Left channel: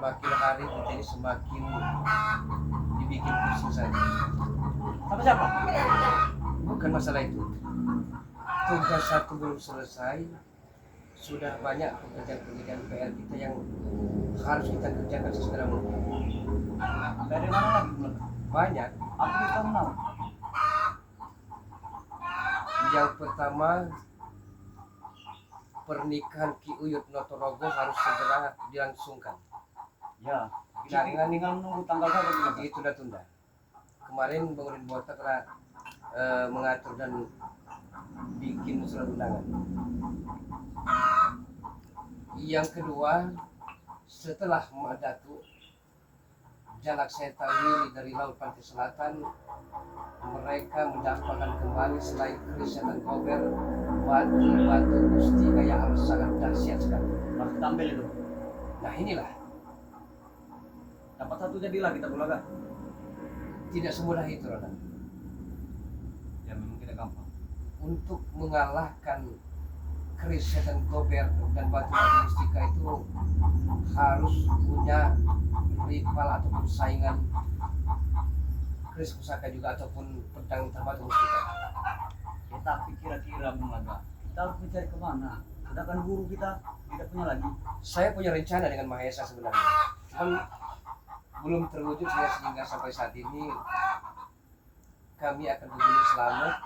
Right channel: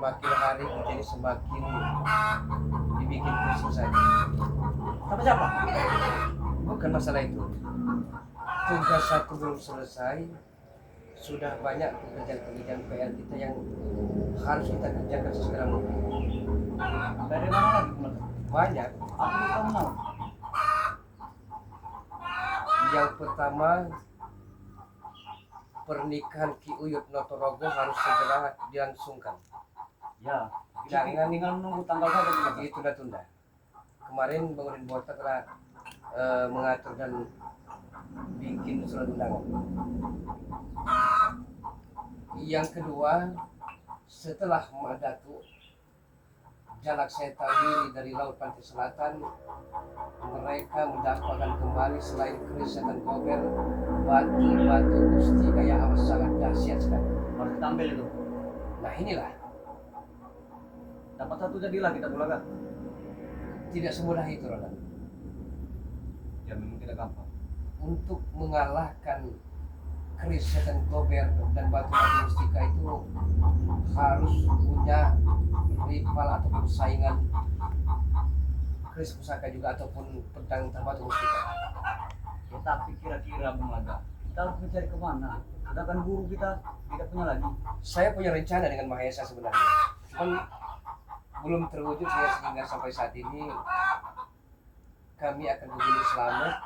makin hari kita ini semakin dibikin pusing saja. Sama siapa? Bukan masalah itu. Tugas satu belum selesai, sudah banyak pekerjaan-pekerjaan PR kita yang harus kita kerjakan sesegera mungkin. Dari mana lagi mulai? Banyak. Aku bisa tahu. Yang pertama, pernikahan Ki Uyut Notorogo harus segera dilangsungkan. Ya, Jangan tinggal menunggu tanggal saja Bung Laga. Ditunda-tunda. Kemarin Bang Udin Botak telah mengatur dan bikin surat undangan. Yang kedua, setelah Madatu Jalak Seta Wili dari Laut Pantai Selatan, mereka mendapatkan kembali selain keris dan gober, batu-batu mustika yang amat sangat dahsyat sekali. Harus kita ambil itu. Nah inilah, Dapat satu jadilah kita Bung Laga. tidak semudah itu Ronan. Ya memang tidak gampang. Untuk mengalahkan keris dan gober dan batu-batu mustika itu harus punya rival ataupun saingan keris pusaka juga ataupun pedang batu mustika. Ya tapi kira-kira Bung Laga, kita harus mencari kemana? Sedangkan guru kita tidak punya lagi. Saya punya rencana dengan Mahesa sebenarnya, cuman belum terwujud sehingga sampai saat ini kami akan ke Gunung Slamet.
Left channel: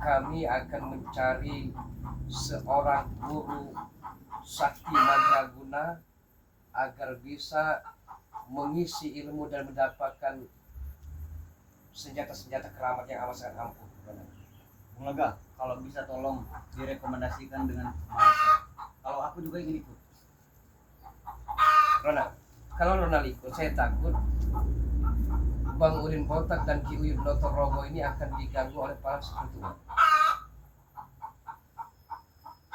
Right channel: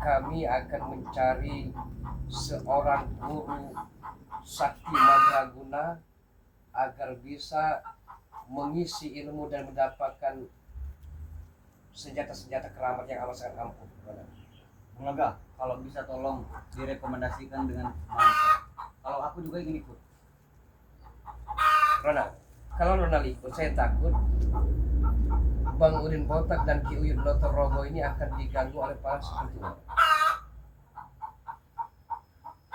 Kami akan mencari seorang guru sakti mandraguna agar bisa mengisi ilmu dan mendapatkan senjata-senjata keramat yang amat sangat ampuh. Bung Laga, kalau bisa tolong direkomendasikan dengan Mahesa. Kalau aku juga ingin ikut. Ronald, kalau Ronald ikut, saya takut Bang Udin Botak dan Ki Uyut Notorogo ini akan diganggu oleh para sekutunya.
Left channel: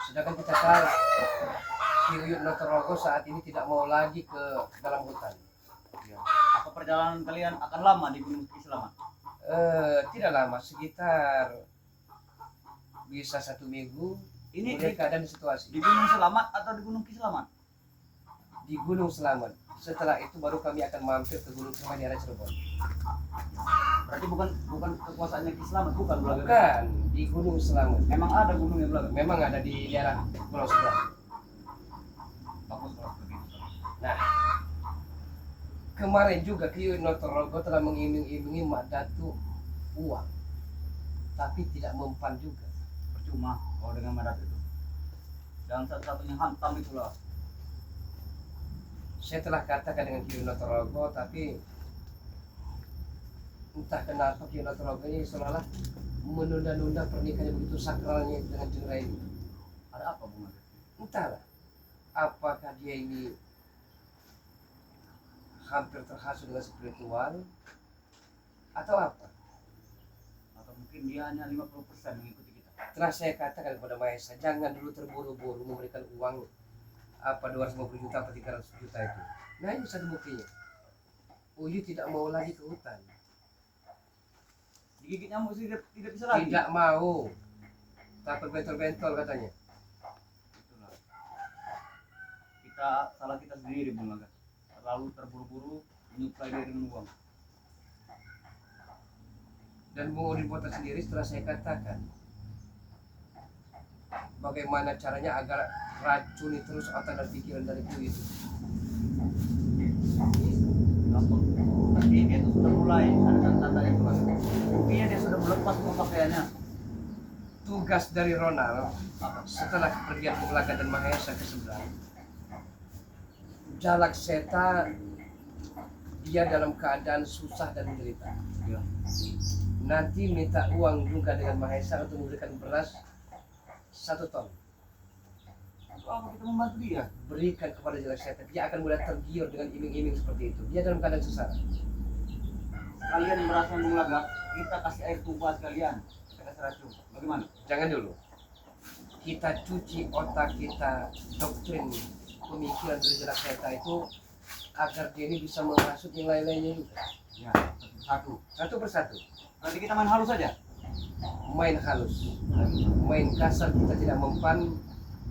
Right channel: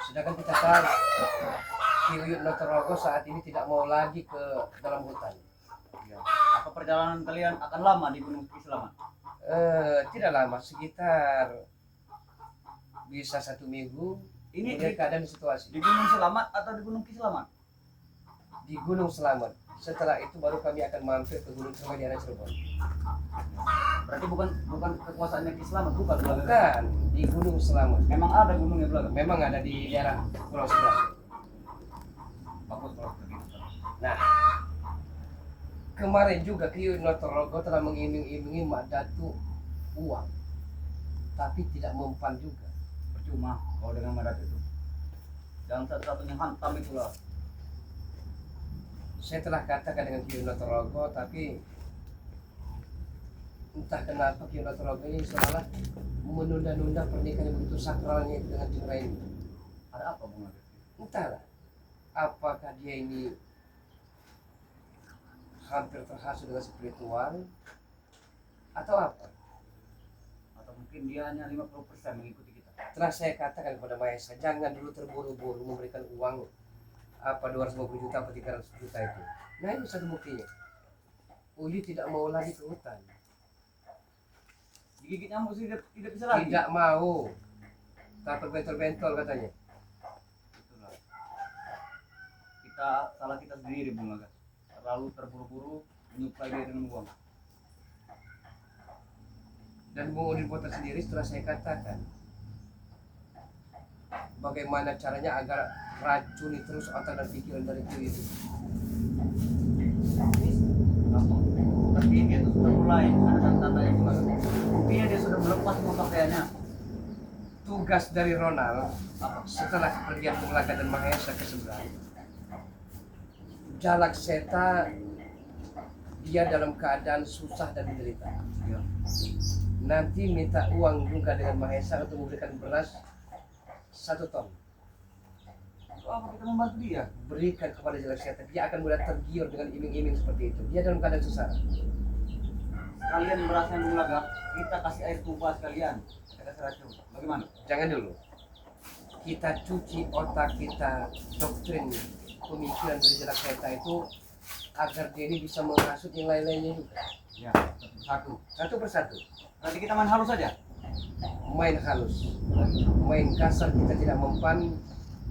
Sedangkan kita tahu Ki Uyut Notorogo saat ini tidak mau lagi ke dalam hutan. Ya. Apa perjalanan kalian akan lama di Gunung Kislamat? Tidak lama, sekitar bisa 1 minggu. Ini Melihat di, keadaan situasi di Gunung Selamat atau di Gunung Kislamat? di Gunung Selamat. Setelah itu baru kami akan mampir ke Gunung Cermai di arah Cirebon. Berarti bukan kekuasaannya Kislamat, bukan Bung Laga. Bukan di Gunung Selamat. Memang ada gunungnya Bung Laga. Memang ada di daerah Pulau Sebelah. Bagus kalau seperti itu. Nah, kemarin juga Ki Uyut Notorogo telah mengiming-imingi Mak Datu uang, tapi tidak mempan juga. Percuma kalau dengan Madat itu. Yang satu-satunya hantam itulah. Saya telah katakan dengan Ki Uyut Notorogo, tapi entah kenapa Ki Uyut Notorogo ini seolah menunda-nunda pernikahan yang begitu sakralnya dengan Jeng Raini. Ada apa Bung Laga? Entahlah, apakah dia ini hampir terhasut dengan spiritual atau apa? Atau mungkin dia hanya 50% mengikuti kita. Telah saya katakan kepada Mahesa, jangan dulu terburu-buru memberikan uang apa 250 juta atau 300 juta itu. Nah ini satu buktinya. Uyut tidak mau lagi ke hutan. Digigit nyamuk sih tidak bisa lagi. Tidak mau. Takut bentol-bentol katanya. Itulah. Salah kita sendiri Bung Laga. Terlalu terburu-buru menyuplai dia dengan uang. Dan Bung Udin Botak sendiri setelah saya katakan bagaimana caranya agar racuni terus otak dan pikiran dari Ki itu. Gampang. Seperti dia tuh sudah mulai ada tanda-tanda yang Bung Laga. Buktinya dia sudah melepas semua pakaiannya. Tugas dari Ronald setelah kepergian Bung Laga dan Mahesa ke seberang, Jalak Seta dia dalam keadaan susah dan menderita. Ya. Nanti minta uang juga dengan Mahesa untuk memberikan beras 1 ton. Untuk apa kita membantu dia? Berikan kepada Jalak Seta, dia akan mudah tergiur dengan iming-iming seperti itu. Dia dalam keadaan susah. Sekalian berasnya Bung Laga, kita kasih air tuba sekalian. Kita kasih racun. Bagaimana? Jangan dulu. Kita cuci otak kita, doktrin pemikiran dari Jalak Seta itu agar dia ini bisa menghasut yang lain-lainnya juga. Ya, satu. Satu persatu. Berarti kita main halus saja. Main halus, main kasar kita tidak mempan,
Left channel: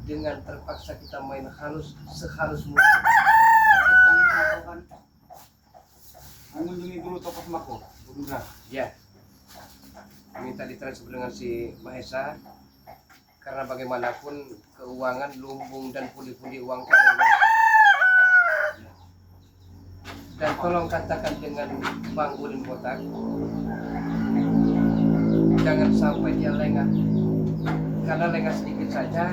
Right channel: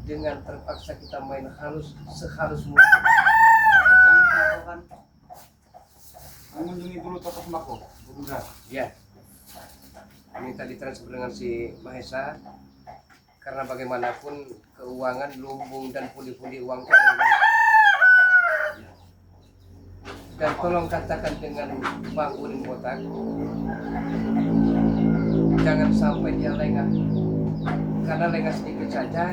dengan terpaksa kita main halus sehalus mungkin. akan mengunjungi dulu toko sembako Budra. Ya, minta ditransfer dengan si Mahesa karena bagaimanapun keuangan lumbung dan pundi-pundi uang itu ada di mana. Dan tolong katakan dengan Bang Udin Botak, jangan sampai dia lengah, karena lengah sedikit saja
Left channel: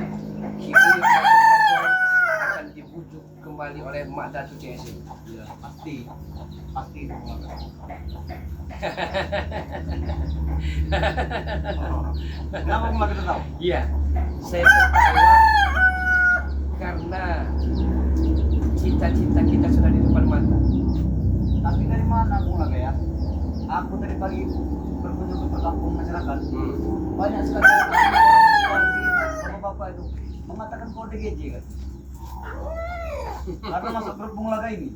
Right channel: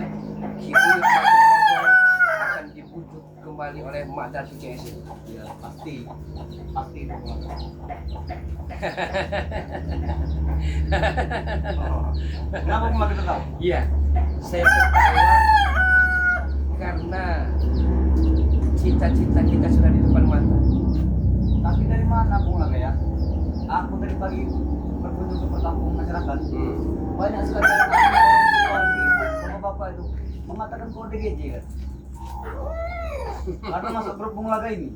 Kibuyut Notorogong akan dibujuk kembali oleh Mak Datu CS itu. Ya, pasti itu Bulaga. Kenapa Bulaga tertawa? Iya, saya tertawa karena cita-cita kita sudah di depan mata. Tapi dari mana Bulaga ya? Aku tadi pagi berkunjung ke perkampungan masyarakat. Banyak sekali orang bapak-bapak itu mengatakan kode GJ kan. Karena masuk grup Bulaga ini,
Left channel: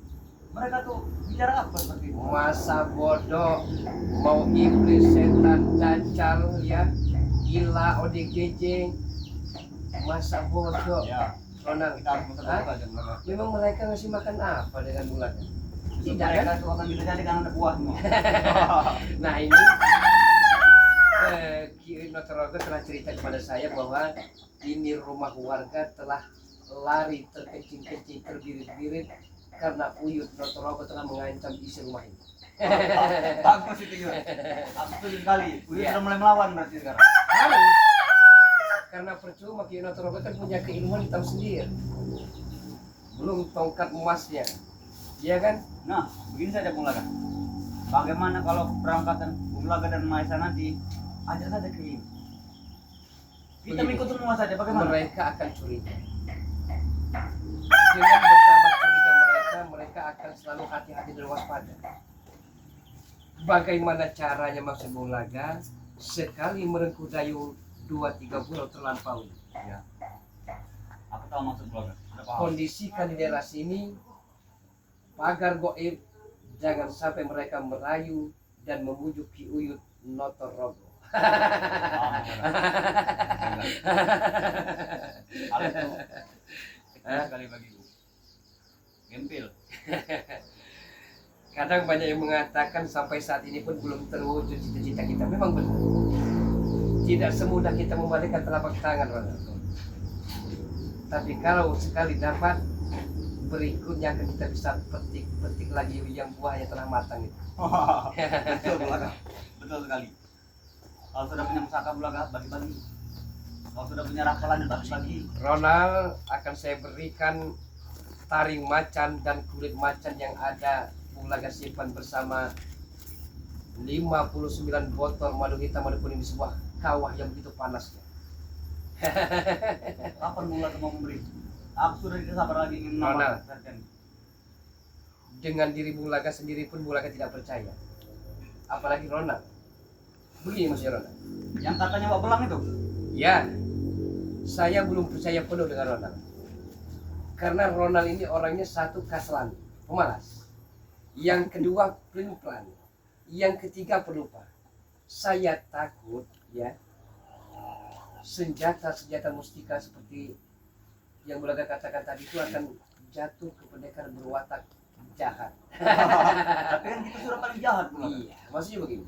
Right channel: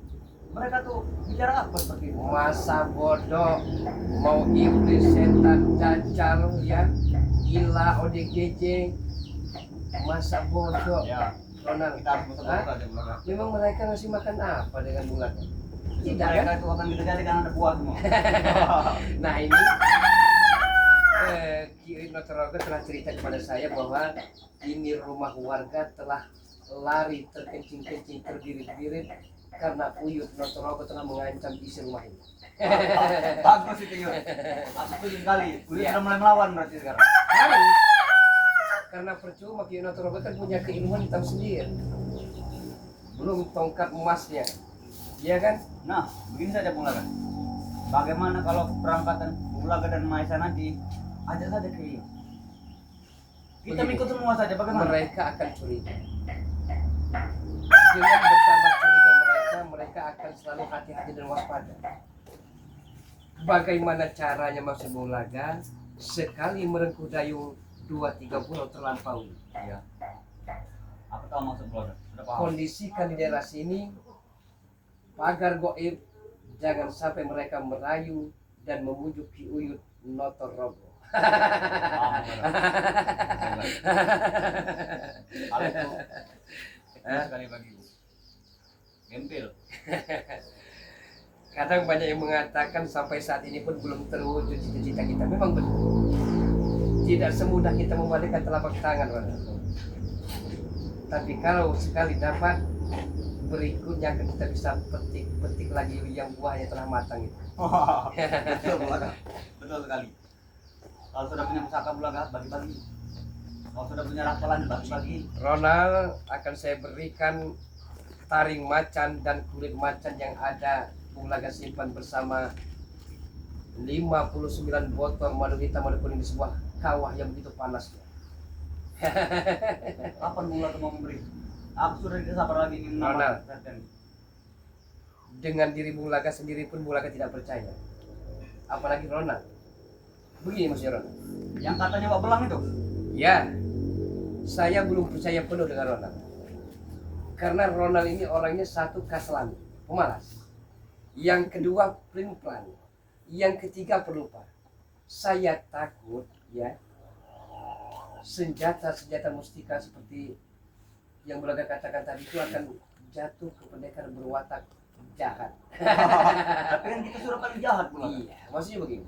mereka tuh bicara apa seperti itu? Masa bodoh, mau iblis, setan, dajjal, ya, gila, ODGJ, masa bodoh. Ya, Ronald, kita harus bersama Hah? saja Bulaga. memang mereka ngasih makan apa dengan Bulaga? Tidak Mereka kan? itu akan kita jadikan anak buah semua. Nah ini Ki Notorogo telah cerita kepada saya bahwa ini rumah warga telah lari terkencing-kencing terbirit-birit karena Uyut Notorogo telah mengancam isi rumah ini. Bagus itu Yud. Aku setuju sekali. Udah Iya. sudah mulai melawan berarti sekarang. Harus, karena percuma Ki Notorogo kan punya keilmuan hitam sendiri, belum tongkat emasnya, iya kan? Nah, begini saja Bulaga. Bagaimana kalau keberangkatan Bulaga dan Mahesa nanti ajak saja ke ini. Kita Begini. ikut semua saja bagaimana? Mereka akan curiga. Dengan bertambah curiga mereka akan selalu hati-hati dan waspada. Bagaimana caranya maksud Bulaga? Sekali merengkuh dayung 2-3 bulan terlampaui. Iya. Aku tahu maksud Bulaga. Sudah paham. Kondisikan di daerah sini pagar goib, jangan sampai mereka merayu dan memujuk Ki Uyut Notorogo. Paham, Bulaga. Hal itu kecil sekali bagiku. Gempil. Kadang banyak yang mengatakan sampai saat ini pun belum terwujud cita-cita kita. Memang benar. Tidak semudah kita membalikkan telapak tangan, Ronald. Tapi kalau sekali dapat, berikutnya akan kita bisa petik lagi yang buahnya telah matang itu. Betul Bulaga. Betul sekali. Kalau sudah punya pusaka Bulaga, bagi-bagi. Kalau sudah punya rafalan, bagi-bagi. Ronald, akan saya berikan taring macan dan kulit macan yang ada Bulaga simpan bersama 59 botol madu hitam madu kuning di sebuah kawah yang begitu panasnya. Kapan Bulaga mau memberi? Aku sudah tidak sabar lagi ingin Ronald. menambah. Dengan diri Bulaga sendiri pun Bulaga tidak percaya. Apalagi Ronald. Begini maksudnya Ronald. Yang katanya Wak Belang itu. Ya, saya belum percaya penuh dengan Ronald. Karena Ronald ini orangnya satu kaslan, pemalas. Yang kedua pelin-pelan. Yang ketiga pelupa. Saya takut ya senjata-senjata mustika seperti yang Bulaga katakan tadi itu akan jatuh ke pendekar berwatak jahat. Tapi kan kita sudah paling jahat Bulaga. Iya, maksudnya begini.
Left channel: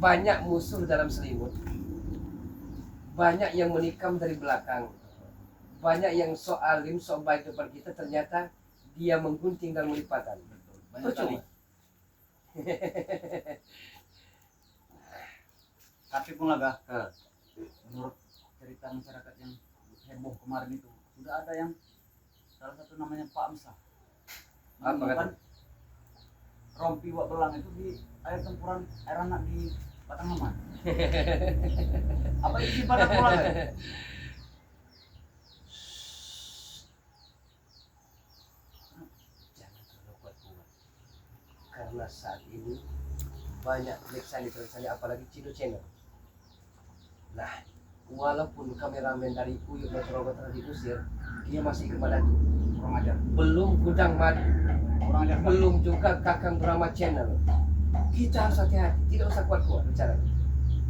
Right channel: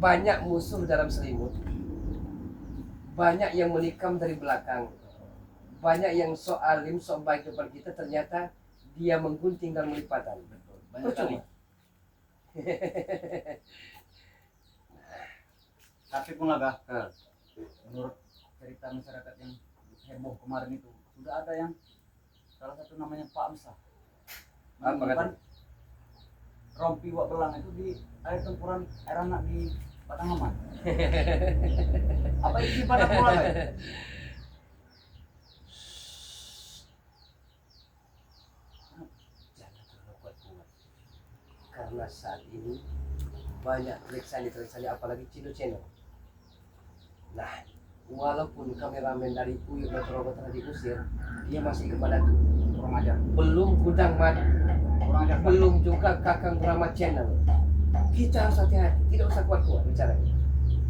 Banyak musuh dalam selimut. Banyak yang menikam dari belakang. Banyak yang sok alim, sok baik depan kita, ternyata dia menggunting dan melipatan. Betul. Banyak sekali. Percuma. Tapi Bulaga, Hah. menurut cerita masyarakat yang heboh kemarin itu, sudah ada yang salah satu namanya Pak Amsah Apa menemukan kata? rompi Wak Belang itu di air tempuran air anak di Batangaman. Apa isi pada Bulaga? Jangan terlalu kuat-kuat. Karena saat ini banyak telik-sandi apalagi Cino Channel. Nah, walaupun kameramen dari Uyut Notorogo telah diusir, dia masih ikut Madatu. Kurang ajar. Belum Gudang Madu, Kurang ajar. belum juga Kakang Brahma Channel. Kita harus hati-hati, tidak usah kuat-kuat bicara.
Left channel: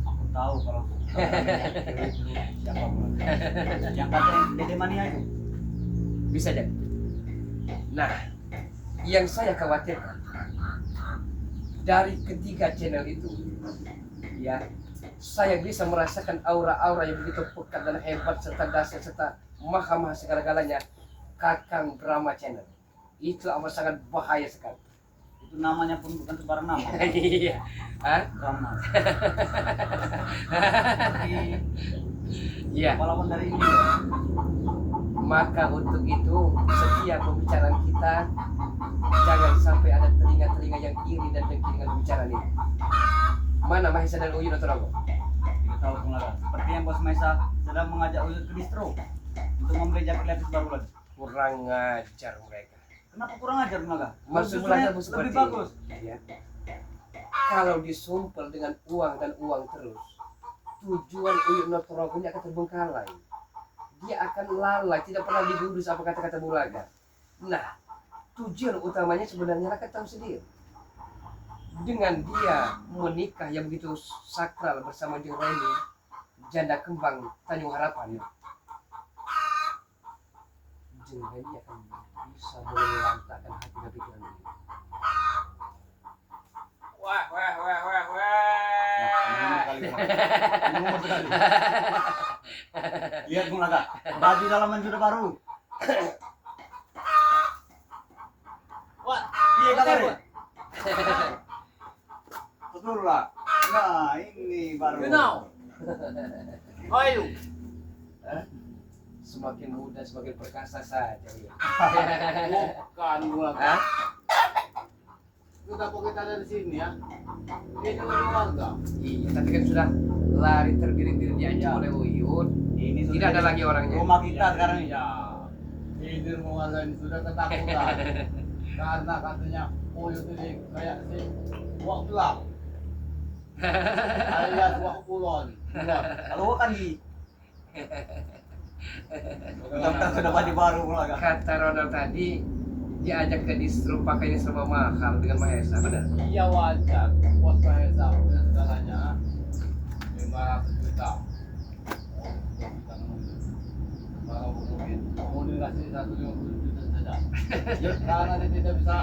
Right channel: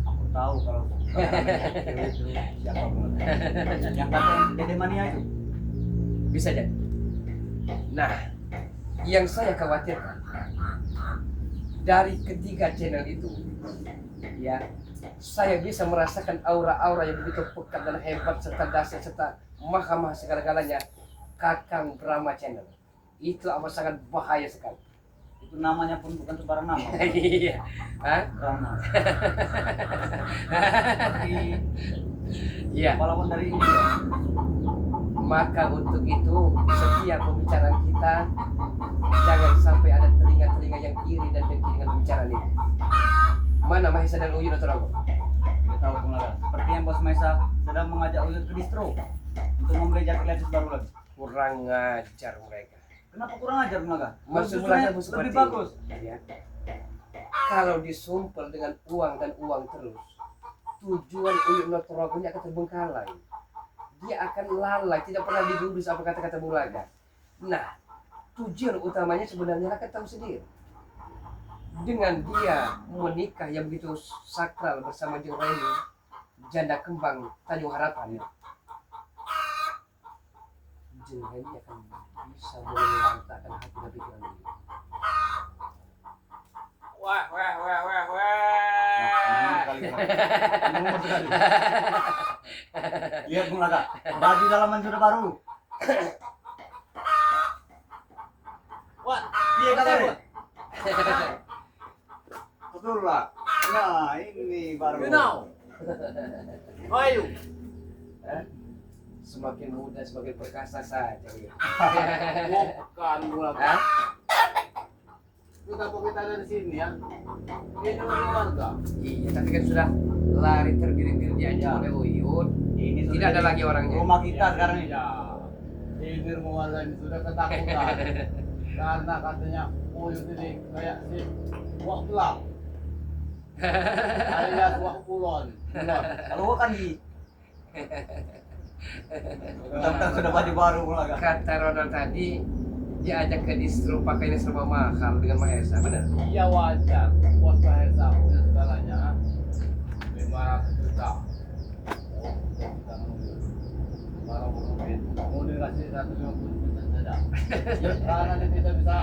Aku tahu kalau kameramen itu siapa Bulaga. Yang kata yang Dede Mania itu. Bisa jadi. Nah, Yang saya khawatirkan dari ketiga channel itu, ya, saya bisa merasakan aura-aura yang begitu pekat dan hebat serta dahsyat serta maha-maha segala-galanya Kakang Brahma Channel. Itu amat sangat bahaya sekali. Itu namanya pun bukan sembarang nama. Iya. Hah? Brahma. Seperti Iya. pahlawan dari India. Maka untuk itu setiap pembicaraan kita jangan sampai ada telinga-telinga yang iri dan dengki dengan pembicaraan ini. Mana Mahesa dan Uyun atau Rogo? Tidak tahu pengarah. Seperti yang Bos Maisa sedang mengajak Uyut ke distro untuk membeli jaket latest baru lagi. Kurang ngajar mereka. Kenapa kurang ajar Naga? Maksud Justru mereka lebih bagus. Ya. Kalau disumpel dengan uang dan uang terus, tujuan Uyun Notorogo ini akan terbengkalai. Dia akan lalai, tidak pernah digubris apa kata-kata Bulaga. Nah, tujuan utamanya sebenarnya rakyat tahu sendiri. Dengan dia menikah yang begitu sakral bersama Jeng Reni, janda kembang Tanjung Harapan, Jeng Reni akan bisa melantahkan hati dan pikiran ini. Wah. Nomor sekali. Lihat Bung Naga, baju dalaman sudah baru. Wah, Iya kabar. Betul lah. Nah ini baru. you know. How are you? Hah? Semakin muda semakin perkasa saja. Ya. Bukan bulan. Hah? Kita kita dari sini ya. Ini keluarga. Iya, tapi kan sudah lari terbirit-birit diancam oleh Uyun. Ini sudah Tidak ada jadi lagi orangnya. Rumah kita sekarang ini. Ya. Ini keluarga ini sudah ketakutan. Karena katanya Uyut ini kayak si Wak Belang. Alias Wak Kulon. Kalau gua kan di Tentang sudah baju baru mulai. Kata Ronald tadi, dia ajak ke distro pakainya serba mahal dengan Mahesa, benar? Iya wajar. Bos Mahesa punya segalanya. 500 juta. Oh, kita nunggu. Kalau mau dikasih 150 juta saja. Ya, karena dia tidak bisa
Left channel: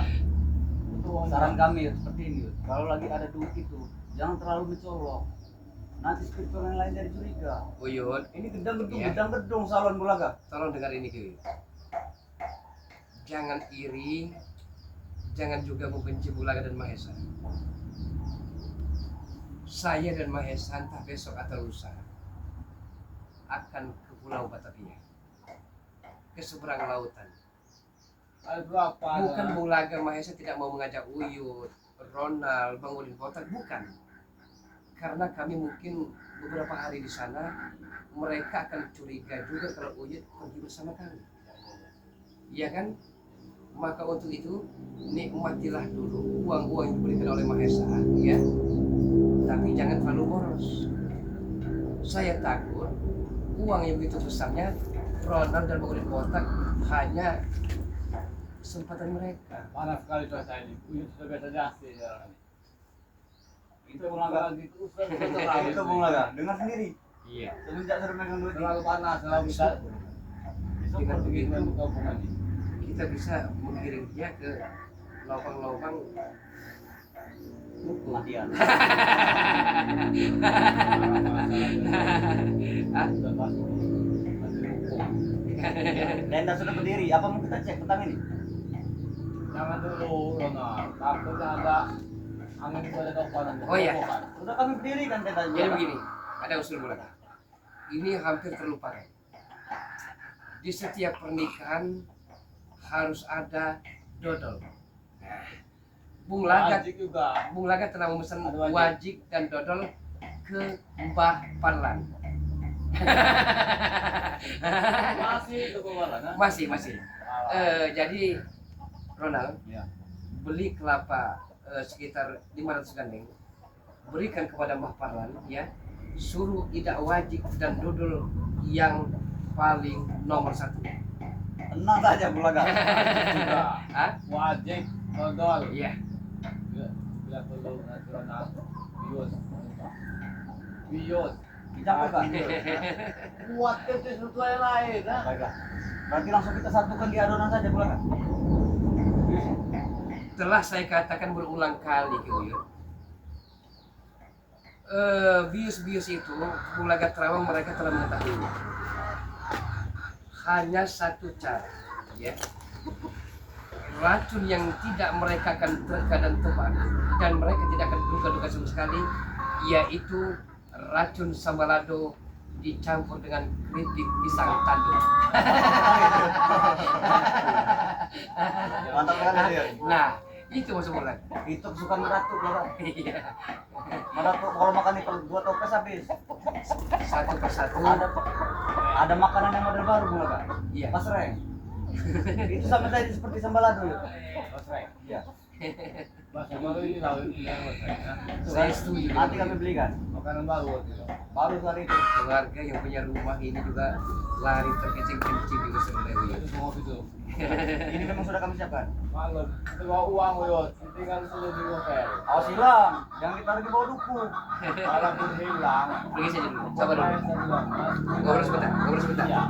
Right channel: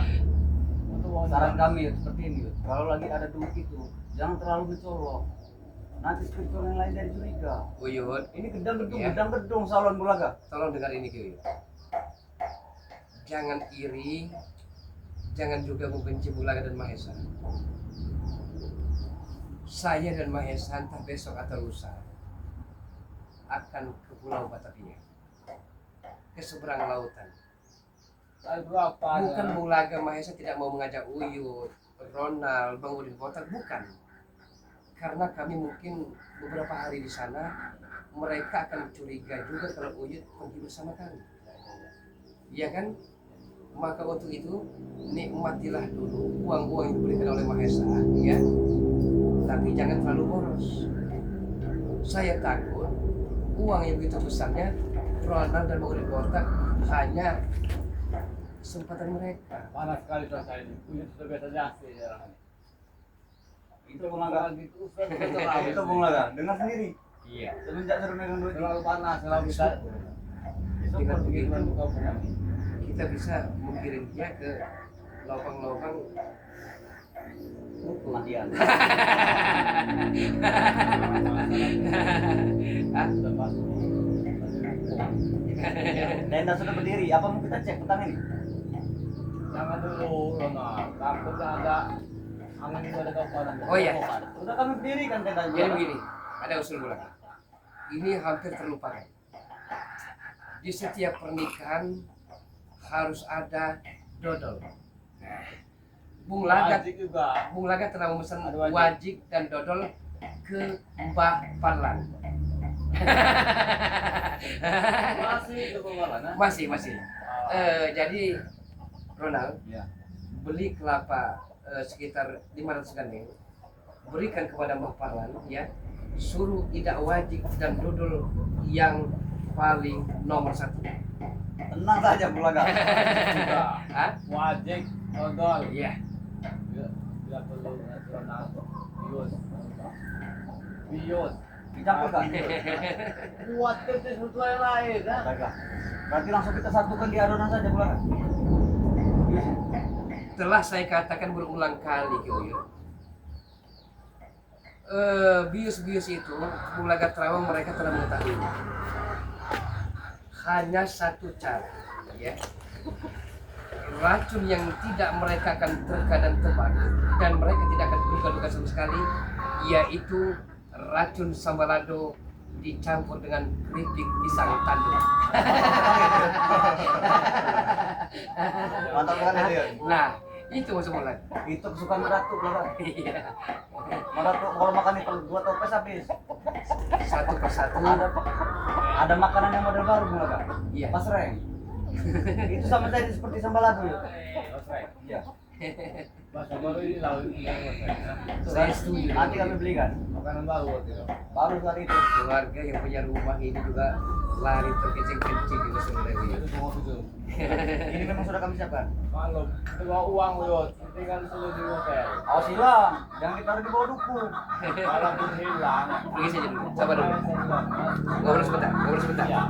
untuk uang Saran jalan. kami Yud, seperti ini Yud. Kalau lagi ada duit itu, jangan terlalu mencolok. Nanti spiritual yang lain dari curiga. Uyun, Ini gedang-gedung, Iya. gedang-gedung salon Bulaga. tolong dengar ini Uyun. Jangan iri, jangan juga membenci Bulaga dan Mahesa. Saya dan Mahesa entah besok atau lusa akan ke Pulau Batavia, ke seberang lautan. Kali berapa? Bukan Bulaga Mahesa tidak mau mengajak Uyut, Ronald, Bang Udin Botak, bukan. Karena kami mungkin beberapa hari di sana, mereka akan curiga juga kalau Uyut pergi bersama kami. Iya kan? Maka untuk itu, nikmatilah dulu uang-uang yang diberikan oleh Mahesa, ya. Tapi jangan terlalu boros. Saya takut uang yang begitu besarnya, Ronald dan Bang Udin Botak hanya kesempatan mereka. Panas sekali cuaca ini. Uyut sudah biasa jasi ya. Itu Bulaga. Gitu, terlalu Itu Bulaga. Dengar sendiri. Iya. Semenjak sudah megang duit. terlalu panas, terlalu bisa. Dengan begitu, Untuk kampungan ini. kita bisa mengirim dia ke lubang-lubang Kematian. ah, Sudah pasti. Tenda sudah berdiri. Apa mau kita cek petang ini? Jangan dulu, Ronald. Takutnya ada angin itu ada panas. Oh, iya. Sudah kami berdiri kan tenda. jadi begini, ada usul bulan. Ini hampir terlupakan. Di setiap pernikahan harus ada dodol. Nah, Bung Lagat, Wajib juga. Bung Lagat telah memesan Ada wajib. wajik dan dodol ke Mbah Parlan. Masih itu kemarin, ha? Masih. Jadi Ronald, Ya. beli kelapa sekitar 500 gandeng, berikan kepada Mbah Parlan, ya, suruh idak wajib dan dodol yang paling nomor 1. Tenang saja Bulaga. Juga. Hah? Wajib, dodol. Iya. Tidak perlu nasional. Bios. Dicampurkan. Buat ke sesuatu yang lain, ha? Baiklah. Berarti langsung kita satukan di adonan saja Bulaga. Telah saya katakan berulang kali ke Uyun. Bius-bius itu, Bulaga Terawang mereka telah mengetahui. Hanya satu cara, ya. Racun yang tidak mereka akan terka dan tebak, dan mereka tidak akan duga-duga sama sekali, yaitu racun sambalado dicampur dengan keripik pisang tanduk. Mantap kan itu. Nah, itu maksud Bulan. Itu kesukaan Madatuk lah Pak. Iya. Madatuk kalau makan itu 2 toples habis. Satu persatu. Ada makanan yang model baru Bung Laga. Iya. Pasreng. Itu sama tadi seperti sambalado ya. Pasreng. Iya. Bahasa baru ini laut yang pasreng. Saya setuju. Nanti kami belikan. Makanan baru waktu itu. Baru kali itu. Keluarga yang punya rumah ini juga lari terkencing-kencing juga sebenarnya. Itu semua itu. Ini memang sudah kami siapkan. Kalau bawa uang Uyun, tinggal sudah di hotel. Awas hilang, jangan ditaruh di bawah duku. Kalau pun hilang, Pergi saja dulu. Sabar dulu. Ngobrol sebentar. Ngobrol sebentar. Ya.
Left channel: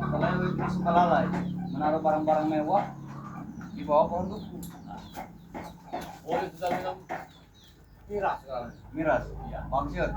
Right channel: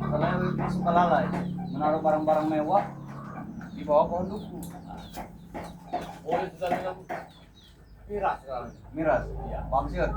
Kalau yang itu suka lalai, menaruh barang-barang mewah di bawah pohon duku. Oh, itu sudah minum miras sekarang. Miras, Iya. maksud.